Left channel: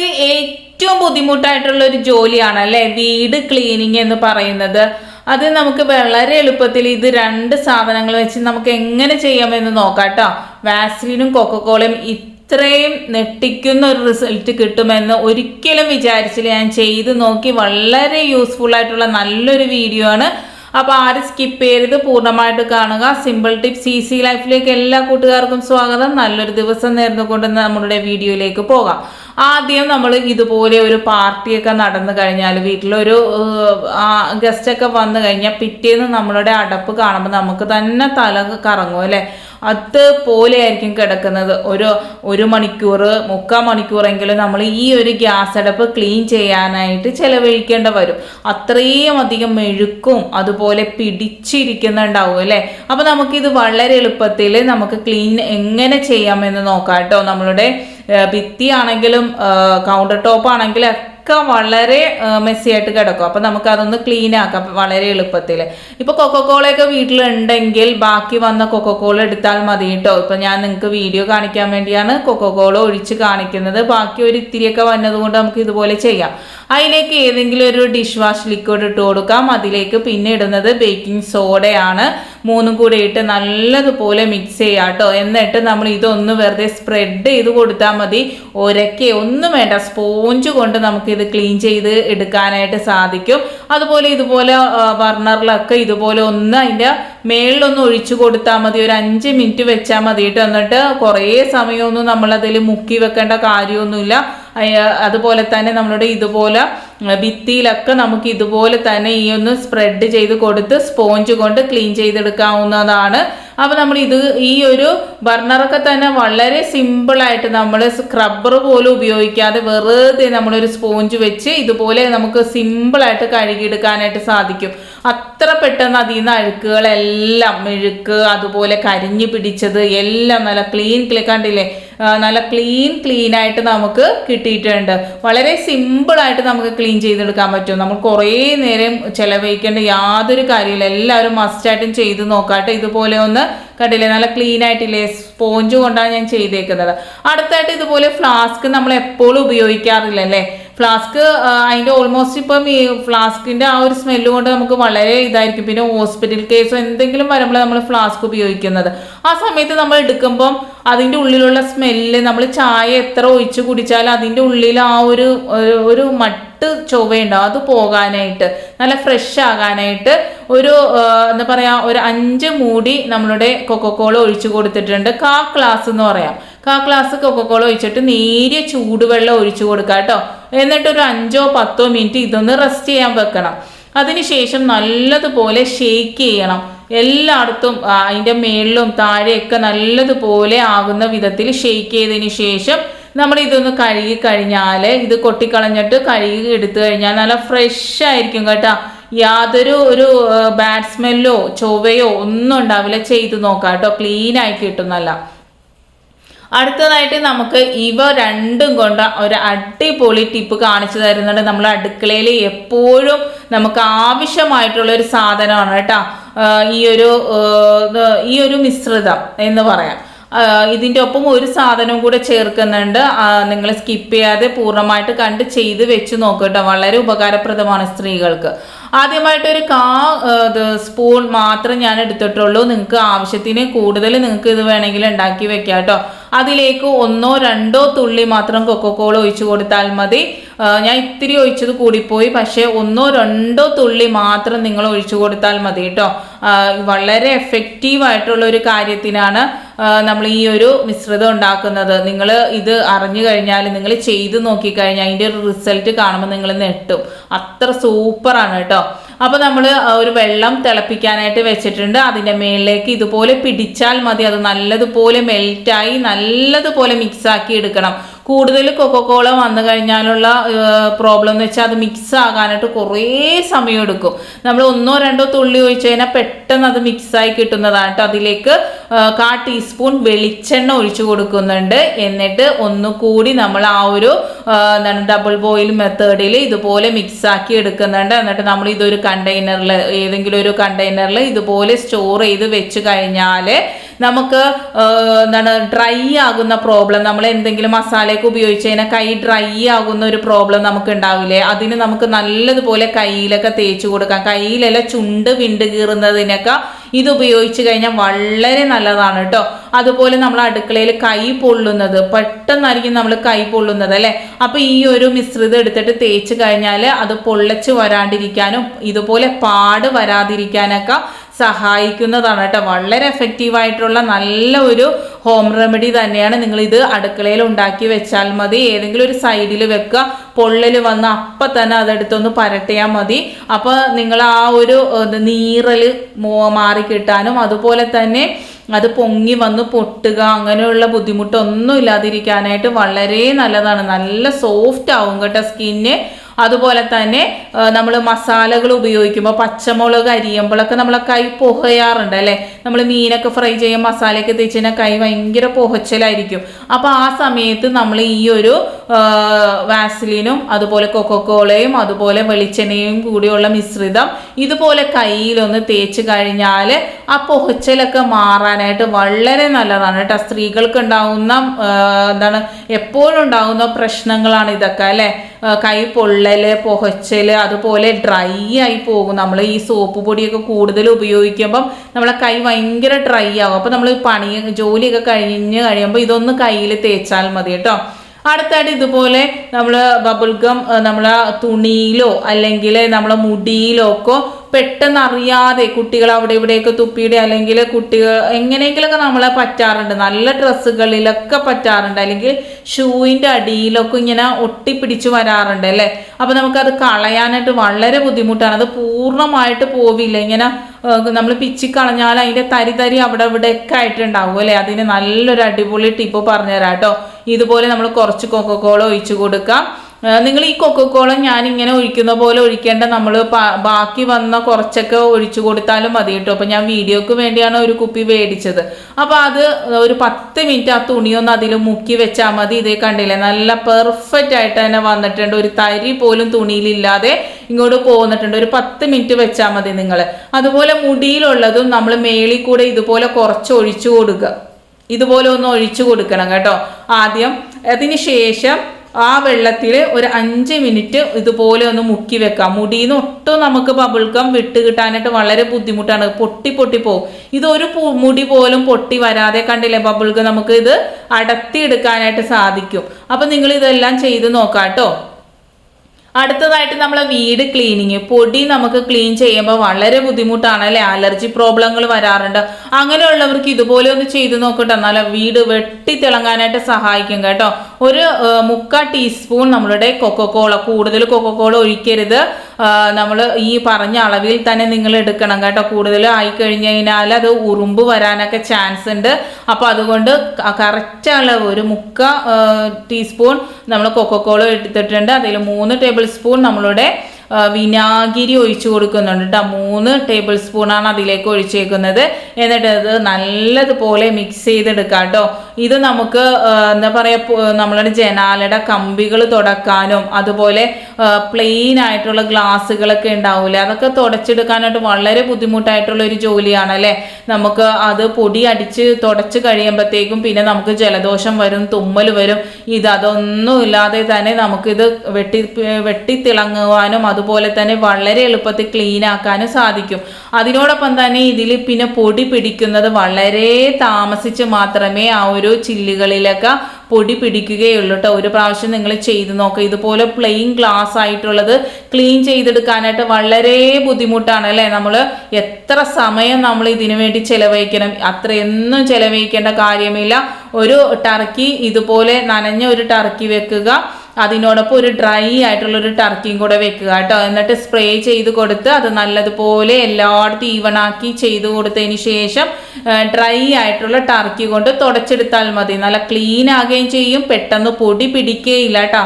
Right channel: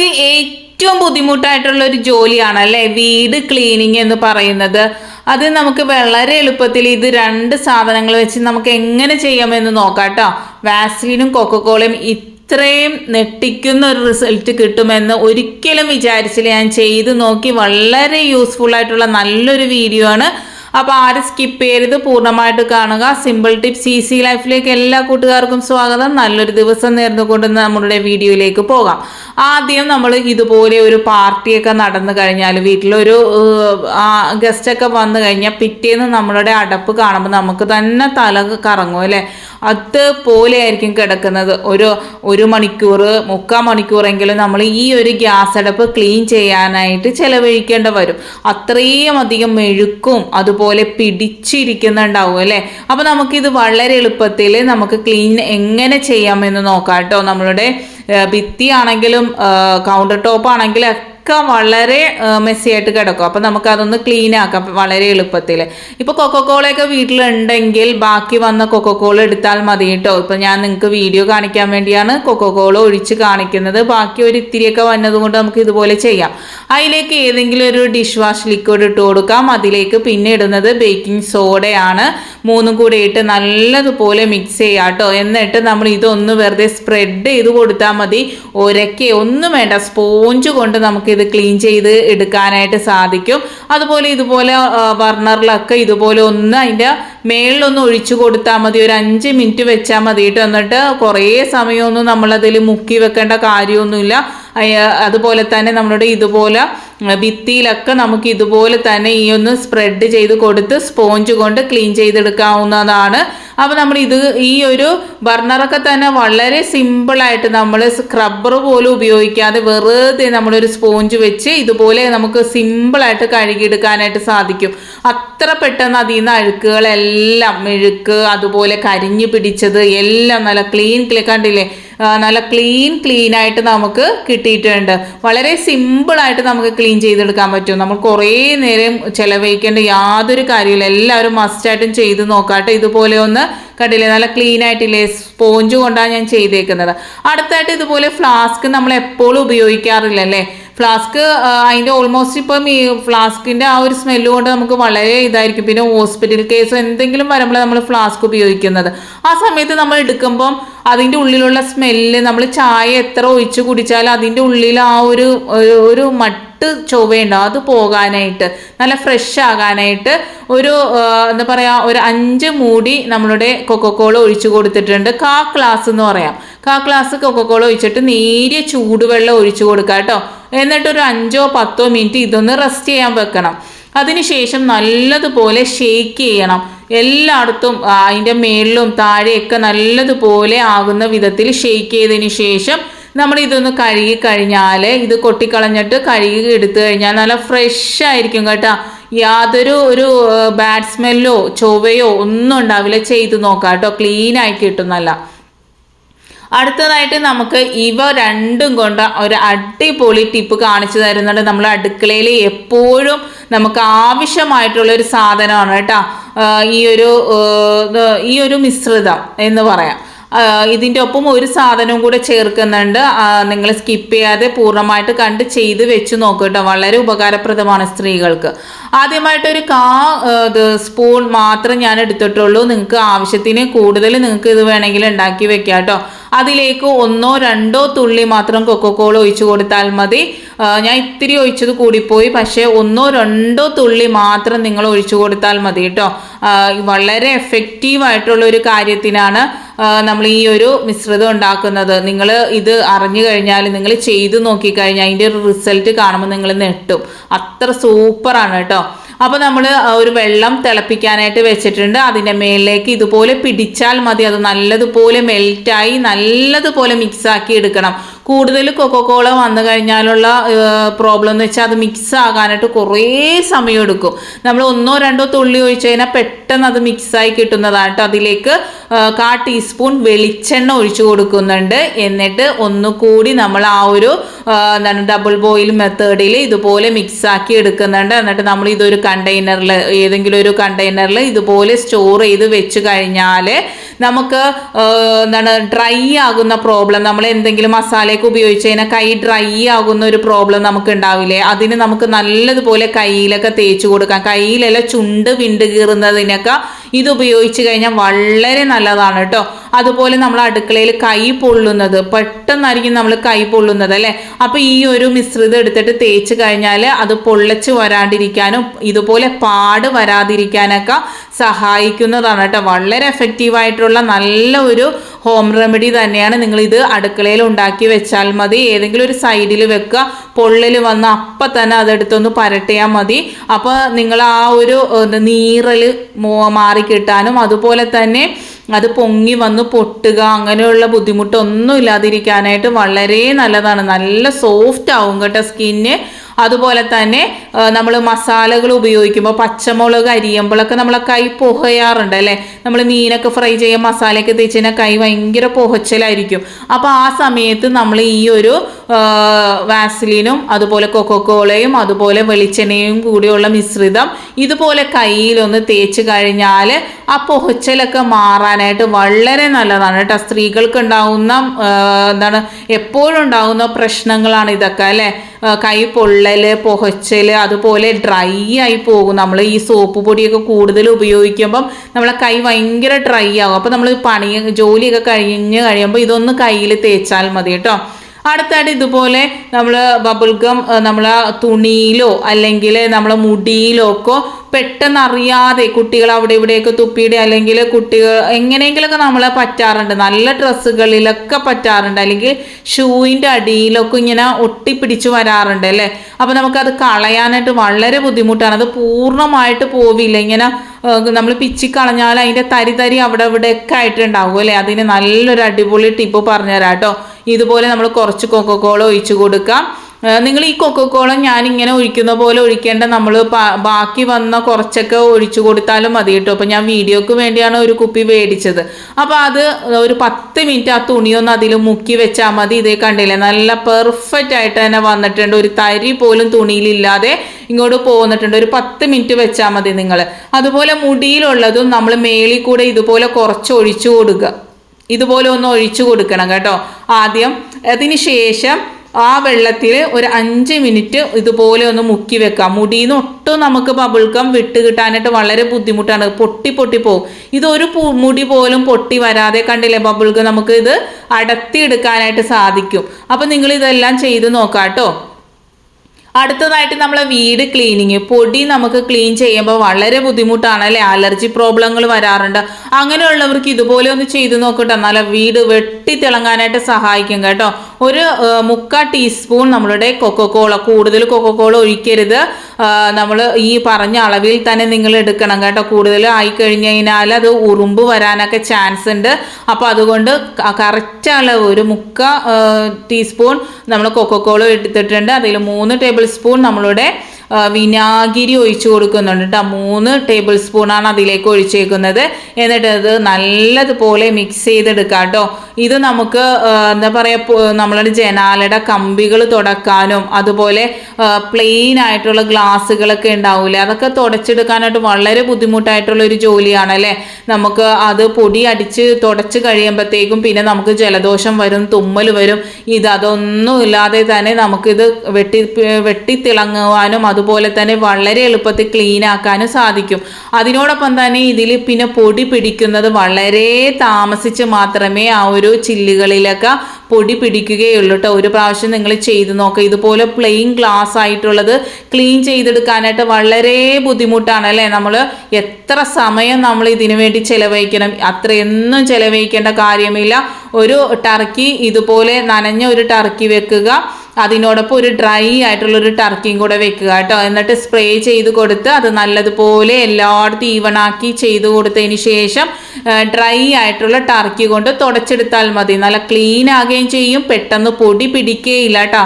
സ്ത്രീകൾക്ക് ഏറ്റവും ബുദ്ധിമുട്ടായിട്ടുള്ള ഒരു ജോലിയാണ് അല്ലേ? വീട് ക്ലീനിങ് എന്ന് പറയുന്നത്. അത് നമുക്ക് വളരെ എളുപ്പത്തിൽ ഇത് രണ്ട് സാധനങ്ങൾ വെച്ച് നമുക്ക് എങ്ങനെ ചെയ്യാമെന്ന് നോക്കാം കേട്ടോ വാസ്ലിനും കൊക്കക്കോളയും ഇത്രയും നെട്ടിക്കുന്ന ഒരു റിസൾട്ട് കിട്ടുമെന്ന് ഒരിക്കലും വിചാരിച്ചില്ല. ഞാൻ ചെയ്ത് നോക്കി വളരെ യൂസ്ഫുൾ ആയിട്ടുള്ള നല്ലൊരു വീഡിയോ ആണ്. അപ്പോൾ ആരും സ്കിപ്പ് ചെയ്യരുത്. പൂർണമായിട്ട് കാണുക. സിമ്പിൾ ടിപ്സ് ഈസി ലൈഫിലേക്ക് എല്ലാ കൂട്ടുകാർക്കും സ്വാഗതം. നല്ലൊരു ദിവസം നേർന്നുകൊണ്ട് നമ്മളുടെ വീഡിയോയിലേക്ക് പോകാം. ആദ്യം നമ്മൾ ഇതുപോലെ ഒരു പാർട്ടിയൊക്കെ നടന്നു കഴിഞ്ഞാൽ വീട്ടിലൊരു ഗസ്റ്റൊക്കെ വന്നു കഴിഞ്ഞാൽ പിറ്റേന്ന് നമ്മളുടെ അടപ്പ് കാണുമ്പോൾ നമുക്ക് തന്നെ തല കറങ്ങും അല്ലേ? അതുപോലെ ആയിരിക്കും കിടക്കുന്നത്. ഒരു ഒരു മണിക്കൂർ മുക്കാൽ മണിക്കൂറെങ്കിലും നമ്മൾ ഈ ഒരു ഗ്യാസ് അടപ്പ് ക്ലീൻ ചെയ്യാനായിട്ട് ചിലവഴിക്കേണ്ട വരും. അത്രയും അധികം മെഴുക്കും അതുപോലെ പിടിച്ചിരിക്കുന്നുണ്ടാവും അല്ലേ? അപ്പോൾ നമുക്കിത് വളരെ എളുപ്പത്തിൽ നമുക്ക് ക്ലീൻ എങ്ങനെ ചെയ്യാമെന്ന് നോക്കാം കേട്ടോ. നമ്മളുടെ ഭിത്തി ആണെങ്കിലും കൗണ്ടർ ടോപ്പ് ആണെങ്കിലും ഒക്കെ വളരെ മെസ്സിയായിട്ട് കിടക്കും. അപ്പോൾ നമുക്ക് അതൊന്ന് ക്ലീൻ ആക്കാം വളരെ എളുപ്പത്തിൽ ഇപ്പോൾ കൊക്കക്കോളയൊക്കെ വീട്ടിലുണ്ടെങ്കിൽ ബാക്കി വന്ന കൊക്കക്കോള എടുത്താൽ മതി കേട്ടോ ഇപ്പോൾ ഞാൻ നിങ്ങൾക്ക് വീഡിയോ കാണിക്കാൻ വേണ്ടിയാണ് കൊക്കക്കോള ഒഴിച്ച് കാണിക്കുന്നത്. ബാക്കി ഒരു ഇത്തിരിയൊക്കെ വന്നതുകൊണ്ട് നമുക്ക് ഇതുപോലെ ചെയ്യാം. അതിലേക്ക് ഏതെങ്കിലും ഒരു ഡിഷ് വാഷ് ലിക്വിഡ് ഇട്ട് കൊടുക്കാം. അതിലേക്ക് പിന്നെ ഇടുന്നത് ബേക്കിംഗ് സോഡയാണ് മൂന്നും കൂടെ ഇട്ട് നല്ലതുപോലെ മിക്സ് ചെയ്യാം കേട്ടോ എന്നിട്ട് നമ്മൾ ഇതൊന്ന് വെറുതെ സ്പ്രെഡ് ചെയ്ത് കൊടുത്താൽ മതി. ഒരക്കെ ഒന്നും വേണ്ട. സ്പോഞ്ച് കൊണ്ട് നമുക്കിത് ക്ലീൻ ചെയ്ത് എടുക്കാനായിട്ട് സാധിക്കും. അതുപോലെ ഇതുപോലെ ബർണറിലൊക്കെ ഇതുപോലെ ഒന്ന് അതിന്റെ മേളിലൊന്ന് ഒഴിച്ചു കൊടുത്താൽ മതി. ഒരു അഞ്ച് മിനിറ്റ് വെച്ചാൽ മതി കേട്ടോ എന്നിട്ട് കുറേ സമയമൊന്നും നമ്മളതിൽ മുക്കി വെക്കേണ്ട കാര്യമൊന്നുമില്ല. അതുപോലെ തന്നെ നമ്മളുടെ ഇതുപോലെ ഭിത്തിയിലൊക്കെ നമുക്ക് ഇതുപോലെ തന്നെ ഈ ഒന്ന് സ്പ്രെഡ് ചെയ്ത് കൊടുത്ത് സ്പോഞ്ച് കൊണ്ട് ക്ലീൻ ചെയ്തെടുക്കാവുന്നതാണ്. അപ്പോൾ നമ്മൾ ഇത് ഈ ഒരു ബർണറൊക്കെ തന്നെ വളരെ സിമ്പിളായിട്ട് നമ്മൾ സ്ക്രബ്ബർ പോലും ഉപയോഗിക്കാതെ വെറുതെ നമ്മളൊരു സ്പോഞ്ച് വെച്ച് ഇതുപോലെ നമുക്ക് സിമ്പിളായിട്ട് കഴുകിയെടുക്കാനായിട്ട് സാധിക്കും. അത്ര പെട്ടെന്ന് അതിൽ നിന്ന് അഴുക്കുകളെല്ലാം മെഴുക്ക് അതുപോലെ കരിഞ്ഞു പിടിച്ചത് എല്ലാം നല്ല ക്ലീൻ കണ്ടില്ലേ? നല്ല ക്ലീൻ ക്ലീൻ ആയിട്ട് നമുക്ക് കിട്ടിയിട്ടുണ്ട്. വളരെ സിമ്പിളായിട്ട് നമുക്ക് ക്ലീൻ ചെയ്തെടുക്കാൻ പറ്റും. നമ്മൾ കുറേ നേരം ചിലവഴിക്കേണ്ട യാതൊരു കാര്യമില്ല. എല്ലാവരും മസ്റ്റായിട്ടും ചെയ്ത് നോക്കാട്ടെ. ഇതുപോലെ ഒന്ന് കണ്ടില്ലേ? നല്ല ക്ലീൻ ആയിട്ടില്ലേ? സ്പോഞ്ച് കൊണ്ടാണ് ഞാൻ ചെയ്തേക്കുന്നത്. അടുത്തായിട്ട് ഇതുപോലെ ഫ്ലാസ്ക് നമ്മൾ എപ്പോഴും ഉപയോഗിക്കാറില്ല അല്ലേ ഫ്ലാസ്ക് അതിന്റെ ഓൾമോസ്റ്റ് ഇപ്പം ഈ ഫ്ലാസ്കിന്റെ ആ ഒരു സ്മെല്ല് കൊണ്ട് നമുക്ക് വളരെ ഇതായിരിക്കും. പിന്നെ ഹോസ്പിറ്റൽ കേസ് എന്തെങ്കിലും വരുമ്പോൾ നമ്മൾ ഫ്ലാസ്ക് ഉപയോഗിക്കുന്നത്. ആ സമയത്ത് നമ്മൾ എടുക്കുമ്പം അതിന്റെ ഉള്ളിലുള്ള സ്മെല്ല് നമ്മൾ ചായ എത്ര ഒഴിച്ച് കുടിച്ചാലും അതിന്റെ ഉള്ളിൽ ആ ഒരു ഒരു മട്ട് ചൊവ്വയുണ്ടാവും അത് പോകാനായിട്ട് നല്ല ഫ്രഷ് ആകാനായിട്ട് ഒരു എന്താ പറയുക ഒരു അഞ്ച് മൂടി നമ്മളുടെ കൊക്കക്കോള ഒഴിച്ചു കൊടുത്തിട്ടുണ്ട്. കാ ക്ലാസ് എന്ന് പറയാം. കാ ക്ലാസ് കൊക്കക്കോള ഒഴിച്ചിട്ട് നേരിയ ചൂടുവെള്ളം ഒഴിച്ചു കൊടുക്കാം കേട്ടോ. എന്നിട്ട് ഒരു അഞ്ചോ പത്തോ മിനിറ്റ് ഇതൊന്ന് റെസ്റ്റ് ചെയ്യാൻ വെക്കണം. അതിനുശേഷം നല്ലതുപോലെ ഷേക്ക് ചെയ്യണം. എല്ലായിടത്തും അതിന്റെ മേളിലും താഴെയൊക്കെ നല്ലതുപോലെ ആകുന്ന വിധത്തിൽ ഷേക്ക് ചെയ്തതിന് ശേഷം നമ്മൾ ഇതൊന്ന് കഴുകി കഴിഞ്ഞാൽ ഇത് കൊട്ടിക്കളഞ്ഞിട്ട് കഴുകി എടുത്തു കഴിഞ്ഞാൽ നല്ല ഫ്രഷ് ആയിരിക്കും കേട്ടോ. യാതൊരു ഒരു ബാഡ് സ്മെല്ലോ ചൊവ്വയോ ഒന്നും ഉണ്ടാവില്ല. ചെയ്ത് നോക്കാം കേട്ടോ ക്ലീൻ ആയി കിട്ടും നല്ല അടുത്തതായിട്ട് നമുക്ക് ഇവ രണ്ടും കൊണ്ട് ഒരു അടിപൊളി ടിപ്പ് കാണിച്ചു തരുന്നുണ്ട്. നമ്മൾ അടുക്കളയിൽ എപ്പോഴും നമുക്ക് ആവശ്യമായിട്ടുള്ള ഒരു സാധനമാണ് കേട്ടോ. ഈ ഒരു ഈ ഒരു മിശ്രിതം എന്ന് പറയാം. ഇതിന്റെ ഒപ്പം ഒരു സാധനവും കൂടെ ചേർക്കുന്നുണ്ട്. നിങ്ങൾ സ്കിപ്പ് ചെയ്യാതെ പൂർണമായിട്ട് കണ്ട് ചെയ്ത് വെച്ച് നോക്കുക കേട്ടോ. വളരെ ഉപകാരപ്രദമാണ് സ്ത്രീകൾക്ക്. ആദ്യമായിട്ട് ഒരു കാ സ്പൂൺ മാത്രം ഞാൻ എടുത്തിട്ടുള്ളൂ നിങ്ങൾക്ക് ആവശ്യത്തിന് കൂടുതൽ നിങ്ങൾക്ക് ഇത് വേണമെങ്കിൽ ഉണ്ടാക്കി വെക്കാം കേട്ടോ. അതിലേക്ക് ഒന്നോ രണ്ടോ തുള്ളി മാത്രം കൊക്കക്കോള ഒഴിച്ചു കൊടുത്താൽ മതി. ഞാൻ ഇത്തിരി ഒഴിച്ചത് കൂടിപ്പോയി. പക്ഷേ ഒന്നോ രണ്ടോ തുള്ളി മാത്രം നിങ്ങൾ ഒഴിച്ചു കൊടുത്താൽ മതി കേട്ടോ. വളരെ എഫക്റ്റീവ് ആയിട്ടുള്ള ഒരു കാര്യത്തിനാണ് നമ്മൾ ഈ ഒരു മിശ്രിതം ഉണ്ടാക്കുന്നത്. നിങ്ങൾ ഇത് അറിഞ്ഞു കഴിഞ്ഞാൽ നിങ്ങൾ ചെയ്തു നോക്കിക്കഴിഞ്ഞാൽ അതിന്റെ ഒരു റിസൾട്ട് കാണുമ്പോൾ നിങ്ങൾ നെട്ടും അത്ര സൂപ്പറാണ് കേട്ടോ. അപ്പോൾ നമ്മൾ ഒരു വെള്ളം തിളപ്പിക്കാനായിട്ട് വെച്ചിട്ടുണ്ട്. അതിന്റെ മേളിലേക്ക് ഇതുപോലെ പിടിച്ചാൽ മതി. അത് നല്ലതുപോലെ മെൽറ്റായി നല്ലതുപോലെ മിക്സാക്കി എടുക്കണം. കൂടുതൽ കോള വന്നു കഴിഞ്ഞാലുള്ള പ്രോബ്ലം എന്ന് വെച്ചാൽ അത് മിക്സ് ആകാനായിട്ട് കുറേ സമയം എടുക്കും. നമ്മൾ ഒന്നോ രണ്ടോ തുള്ളി ഒഴിച്ചു കഴിഞ്ഞാൽ പെട്ടെന്ന് അത് മിക്സായി കിട്ടുന്നതാണ് അതിലേക്ക് കാ ടീസ്പൂൺ വെളിച്ചെണ്ണ ഒഴിച്ചു കൊടുക്കുന്നുണ്ട്. എന്നിട്ട് ഒന്നുകൂടി നമ്മൾ ആ ഒരു എന്താണ് ഡബിൾ ബോയിൽ മെത്തേഡിൽ ഇതുപോലെ മിക്സ് ആക്കി എടുക്കുന്നുണ്ട്. എന്നിട്ട് നമ്മൾ ഇതൊരു കണ്ടെയ്നറിൽ ഏതെങ്കിലും ഒരു കണ്ടെയ്നറിൽ ഇതുപോലെ സ്റ്റോർ ചെയ്ത് വെച്ച് കഴിഞ്ഞാൽ നമുക്ക് എന്താണ് ഡ്രൈ ആകുന്ന പ്രോബ്ലം നമ്മൾ എന്തെങ്കിലും മസാലയൊക്കെ ഉപയോഗിച്ച് കഴിഞ്ഞാൽ കൈ ഡ്രൈ ആകുന്ന ഒരു പ്രോബ്ലം നമുക്ക് ഉണ്ടാവില്ലേ? അതിന് നമുക്ക് നല്ലതുപോലെ കയ്യിലൊക്കെ തേച്ച് കൊടുക്കാം. കയ്യിലെല്ലാം ചുണ്ട് വിണ്ട് കീറുന്നതിനൊക്കെ ഇത് ഉപയോഗിച്ച് കഴിഞ്ഞാൽ വളരെ നല്ലതാണ് കേട്ടോ. അതുപോലെ നമ്മൾ അടുക്കളയിൽ കൈ പൊള്ളുന്നത് പെട്ടെന്നായിരിക്കും നമ്മൾ കൈ പൊള്ളുന്നത് അല്ലേ? അപ്പോൾ ഈ ഒരു മിശ്രിതം എടുത്തിട്ട് തേച്ച് കഴിഞ്ഞാൽ അത് പൊള്ളച്ച് വരാണ്ടിരിക്കാനും ഇതുപോലെ പാട് വരാതിരിക്കാനൊക്കെ സഹായിക്കുന്നതാണ് കേട്ടോ. വളരെ എഫക്റ്റീവായിട്ടുള്ള നല്ല ഒരു ഹോം റെമഡി തന്നെയാണ് നിങ്ങൾ ഇത് അടുക്കളയിൽ ഉണ്ടാക്കി വെച്ചാൽ മതി. ഏതെങ്കിലും ഒരു സൈഡിൽ വെക്കുക പൊള്ളൽ വന്ന് അപ്പം തന്നെ അതെടുത്തൊന്ന് പരട്ടിയാൽ മതി. അപ്പോൾ നിങ്ങൾ ആ ഒരു നീറൽ മാറിക്കിട്ടാനും മാറി കിട്ടാനും അതുപോലെ തന്നെ അത് പൊങ്ങി വന്ന് പൊട്ടുക അങ്ങനെയുള്ള ബുദ്ധിമുട്ടൊന്നും ഇല്ലാതിരിക്കാനായിട്ട് വളരെ നല്ലതാണ്. നല്ല സോഫ്റ്റ് ആവും കേട്ടോ സ്കിന്ന്. അതുപോലെ തന്നെ നമ്മൾ മസാലകൾ ഉപയോഗിക്കുമ്പോൾ പച്ചമുളക് അരിയുമ്പോഴൊക്കെ നമ്മളെ കൈ പുകയാറുണ്ട് അല്ലേ? നമ്മൾ മീനൊക്കെ ഫ്രൈ ചെയ്യാൻ മസാലയൊക്കെ തേച്ച് കഴിഞ്ഞാൽ കൈ ഭയങ്കര പുകച്ചിലായിരിക്കും. അപ്പോൾ ആ സമയത്ത് നമ്മൾ ഈ ഒരു വാസലിനും അതുപോലെ കൊക്കോക്കോളയും അതുപോലെ വെളിച്ചെണ്ണയും കൂടിയുള്ള മിശ്രിതം ഇതുപോലെ കയ്യിലൊന്ന് തേച്ച് കഴിഞ്ഞാൽ ആ പൊഹച്ചലൊക്കെ മാറാനായിട്ട് വളരെ നല്ലതാണ് കേട്ടോ. സ്ത്രീകൾക്ക് ഉണ്ടാവുന്ന എന്താണ് എപ്പോഴും ഉണ്ടാവുന്ന പ്രശ്നങ്ങളാണ് ഇതൊക്കെ അല്ലേ? കൈ പൊള്ളൽ പൊഹച്ചൽ അതുപോലെ ഡ്രൈ ആയി പോകും. നമ്മൾ ഈ സോപ്പ് പൊടിയൊക്കെ കൂടുതൽ ഉപയോഗിക്കുമ്പം നമ്മളെ കൈ ഭയങ്കര ഡ്രൈ ആകും അപ്പോൾ നമ്മൾ പണി ജോലിയൊക്കെ കഴിഞ്ഞ് കഴിയുമ്പോൾ ഇതൊന്ന് കയ്യിൽ തേച്ചാൽ മതി കേട്ടോ. അടുത്തായിട്ട് ഇതുപോലെ നമ്മൾ ബബിൾ ഗം നമ്മൾ തുണിയിലോ അല്ലെങ്കിൽ നമ്മളെ മുടിയിലോ ഒക്കെ പെട്ടെന്ന് അറിയാതെ കുട്ടികൾ അവിടെ ഇവിടെയൊക്കെ തുപ്പിയിടുക അല്ലെങ്കിൽ കുട്ടികൾ എങ്ങനെയെങ്കിലുമൊക്കെ നമ്മളെ പറ്റാറുണ്ട്. നല്ല ഡ്രസ്സുകളിലൊക്കെ പറ്റാറുണ്ട്. അല്ലെങ്കിൽ ഷൂവിന്റെ അടിയിലൊക്കെ ഇങ്ങനെ ഒട്ടിപ്പിടിച്ച് വരാറുണ്ട് അല്ലേ? അപ്പോൾ നമുക്കത് കളയാനായിട്ട് വളരെ ബുദ്ധിമുട്ടാണ്. അത് പൂർണമായിട്ട് പോവില്ല. ഇങ്ങനെ നമ്മൾ പിച്ചി കളഞ്ഞാൽ അതിന്റെ തരി തരി അവിടെ ഇവിടെയൊക്കെ ആയിട്ടുണ്ടാവും അല്ലേ? അതിന് നല്ലൊരു അടിപൊളി ടിപ്പ് പറഞ്ഞുതരാം കേട്ടോ. ഇതുപോലെ നമ്മൾ കുറച്ച് കൊക്കക്കോള ഒഴിച്ചു കൊടുക്കാം. നിങ്ങൾ ഈ കൊക്കക്കോള ഞാനിങ്ങനെ ഒഴിക്കുന്ന പോലെ ഒഴിക്കേണ്ട നമ്മൾ ബാക്കി വന്ന കുറച്ചൊക്കെ ഒഴിച്ചു കൊടുത്താലും മതി കേട്ടോ. അപ്പോൾ ഞാൻ വീഡിയോക്ക് വേണ്ടിയാണ് ഒരു കുപ്പി മേടിച്ചത് അപ്പോൾ അത് ഒരു പത്ത് മിനിറ്റ് ആ തുണിയൊന്ന് അതിൽ മുക്കി വെച്ചാൽ മതി. ഇതേ കണ്ടില്ലേ? നല്ല പെർഫെക്റ്റ് ആയിട്ട് തന്നെ വന്നിട്ടുണ്ട്. ഒരു തരി പോലും തുണിയിലില്ലാതെ ഇങ്ങോട്ട് പോന്നിട്ടുണ്ട്. ഒരു പത്ത് മിനിറ്റ് വെച്ചാൽ മതി നിങ്ങൾ. അതുപോലെ മുടിയിലുള്ളതും നമ്മൾ മേളിൽ കൂടെ ഇതുപോലെ കുറച്ച് ഒഴിച്ചു കൊടുക്കുക. ഇതുപോലെ ഒന്ന് ഒഴിച്ചു കൊടുക്കണം കേട്ടോ. ആദ്യം അതിന് ശേഷം ആ വെള്ളത്തിൽ ഒരു അഞ്ച് മിനിറ്റ് ഇതുപോലെ ഒന്ന് മുക്കി വെക്കാം മുടിയിൽ നിന്ന് ഒട്ടും നമുക്ക് ബബിൾക്കം വിട്ട് കിട്ടാനായിട്ട് വളരെ ബുദ്ധിമുട്ടാണ്. പൊട്ടി പൊട്ടി പോകും. ഇതൊരു മുടി പോലും പൊട്ടി വരാതെ കണ്ടില്ലേ ബബിൾ ഗം നമുക്ക് ഇത് അടത്തിയെടുക്കാനായിട്ട് സാധിക്കും. അപ്പം നിങ്ങൾ ഇതെല്ലാം ചെയ്ത് നോക്കാം കേട്ടോ അടുത്തതായിട്ട് നമ്മളെ വീട് ക്ലീനിങ് പൊടി നമുക്ക് ക്ലീൻ ചെയ്യുമ്പോൾ വളരെ ബുദ്ധിമുട്ടാണ് അല്ലെ? അലർജി പ്രോബ്ലങ്ങൾ വരാറുണ്ട്. അങ്ങനെയുള്ളവർക്ക് ഇതുപോലെ ഒന്ന് ചെയ്ത് നോക്കട്ടെ. എന്നാലും വീട് വെട്ടി തിളങ്ങാനായിട്ട് സഹായിക്കും കേട്ടോ. ഒരു മുക്കാൽ ടീസ്പൂൺ നമ്മളുടെ കൊക്കോക്കോള കൂടുതൽ കോള ഒഴിക്കരുത്. നമ്മൾ ഈ പറഞ്ഞ അളവിൽ തന്നെ നിങ്ങൾ എടുക്കണം കേട്ടോ. കൂടുതൽ ആയി കഴിഞ്ഞു കഴിഞ്ഞാൽ അത് ഉറുമ്പ് വരാനൊക്കെ ചാൻസ് ഉണ്ട്. അപ്പോൾ അതുകൊണ്ട് കറക്റ്റ് അളവ് ഒരു മുക്ക ടീസ്പൂൺ നമ്മൾ കൊക്കോക്കോള എടുത്തിട്ടുണ്ട്. അതിൽ മൂന്ന് ടേബിൾ സ്പൂൺ നമ്മളുടെ വിനാഗിരി ഒഴിച്ചു കൊടുക്കുന്നുണ്ട് കേട്ടോ മൂന്ന് ടേബിൾ സ്പൂണാണ് അതിലേക്ക് ഒഴിച്ചേക്കുന്നത്. എന്നിട്ട് അത് നല്ലതുപോലെ മിക്സ് ചെയ്തെടുക്കാം കേട്ടോ ഇത് നമുക്ക് എന്താ പറയുക നമ്മളുടെ ജനാലയുടെ കമ്പികൾ തുടക്കാനും അതുപോലെ പ്ലെയിൻ ആയിട്ടുള്ള ഗ്ലാസ്സുകളൊക്കെ ഉണ്ടാവില്ലേ അതൊക്കെ തുടച്ചെടുക്കാനായിട്ട് വളരെ ബുദ്ധിമുട്ടായിട്ടുള്ള ഒരു ജോലിയാണല്ലേ നമുക്ക് അത് പൊടി അടിച്ച് തുടച്ച് കഴിയുമ്പോഴത്തേക്കും പിന്നെ നമുക്ക് ജലദോഷം വരും തുമ്മൽ വരും. ഇത് അതൊന്നും ഇല്ലാതെ തന്നെ നമുക്കിത് വെട്ടി വെട്ടിത്തിളങ്ങുവാനും അതുപോലെ തന്നെ വളരെ എളുപ്പത്തിൽ ക്ലീൻ ആക്കാനും സാധിക്കും. അതിനോടൊപ്പം തന്നെ ഇതിൽ പിന്നെ പൊടി പിടിക്കുന്നത് വളരെ താമസിച്ച് മാത്രമേ ആ ഒരു ചില്ലുകളിലൊക്കെ പൊടി പിടിക്കുകയുള്ളൂ കേട്ടോ ഒരു പ്രാവശ്യം നിങ്ങൾ ചെയ്ത് നോക്കുക ഇതുപോലെ പ്ലെയിൻ ഗ്ലാസ് ആയിട്ടുള്ളത് ക്ലീൻ ചെയ്തെടുക്കാനായിട്ട് വളരെ ബുദ്ധിമുട്ടാണ് അല്ലേ? നമ്മൾ എത്ര സമയം നമ്മൾ ഇതിനു വേണ്ടി ചിലവഴിക്കണം? അത്രയൊന്നും ചിലവഴിക്കേണ്ട കാര്യമില്ല. ഒരു ടർക്കി ഇതുപോലെ നനഞ്ഞ ഒരു ടർക്കി വെക്കുക. അതിനോടൊപ്പം ഒരു ഡ്രൈ ആയിട്ടുള്ള ഒരു ടർക്കിയും കൂടെ വെക്കുക കേട്ടോ. എന്നിട്ട് സ്പ്രേ ചെയ്ത് കൊടുത്ത് അത് നല്ലതുപോലെ എല്ലായിടത്തും ഈവണാക്കി ചെയ്ത് കൊടുത്തതിന് ശേഷം ഡ്രൈ ആയിട്ടുള്ള ടർക്കി കൊണ്ട് തുടച്ചെടുത്താൽ മതി. നല്ല ക്ലീൻ ആകുകയും ചെയ്യും. പെട്ടെന്ന് പൊടി പിടിക്കുകയില്ല കേട്ടോ.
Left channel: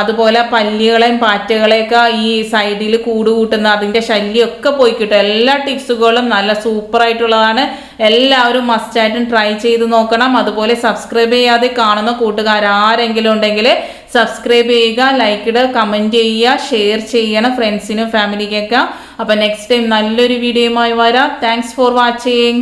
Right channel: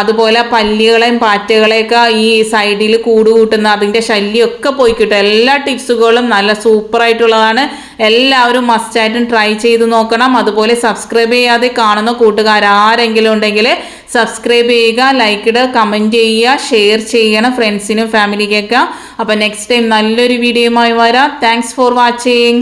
അതുപോലെ പല്ലികളെയും പാറ്റകളെയൊക്കെ ഈ സൈഡിൽ കൂട് കൂട്ടുന്ന അതിന്റെ ശല്യമൊക്കെ പോയി കിട്ടും. എല്ലാ ടിപ്സുകളും നല്ല സൂപ്പറായിട്ടുള്ളതാണ്. എല്ലാവരും മസ്റ്റായിട്ടും ട്രൈ ചെയ്ത് നോക്കണം. അതുപോലെ സബ്സ്ക്രൈബ് ചെയ്യാതെ കാണുന്ന കൂട്ടുകാർ ആരെങ്കിലും ഉണ്ടെങ്കിൽ സബ്സ്ക്രൈബ് ചെയ്യുക ലൈക്ക് ഇടുക കമന്റ് ചെയ്യുക ഷെയർ ചെയ്യണം ഫ്രണ്ട്സിനും ഫാമിലിക്കൊക്കെ അപ്പോൾ നെക്സ്റ്റ് ടൈം നല്ലൊരു വീഡിയോയുമായി വരാം. Thanks for watching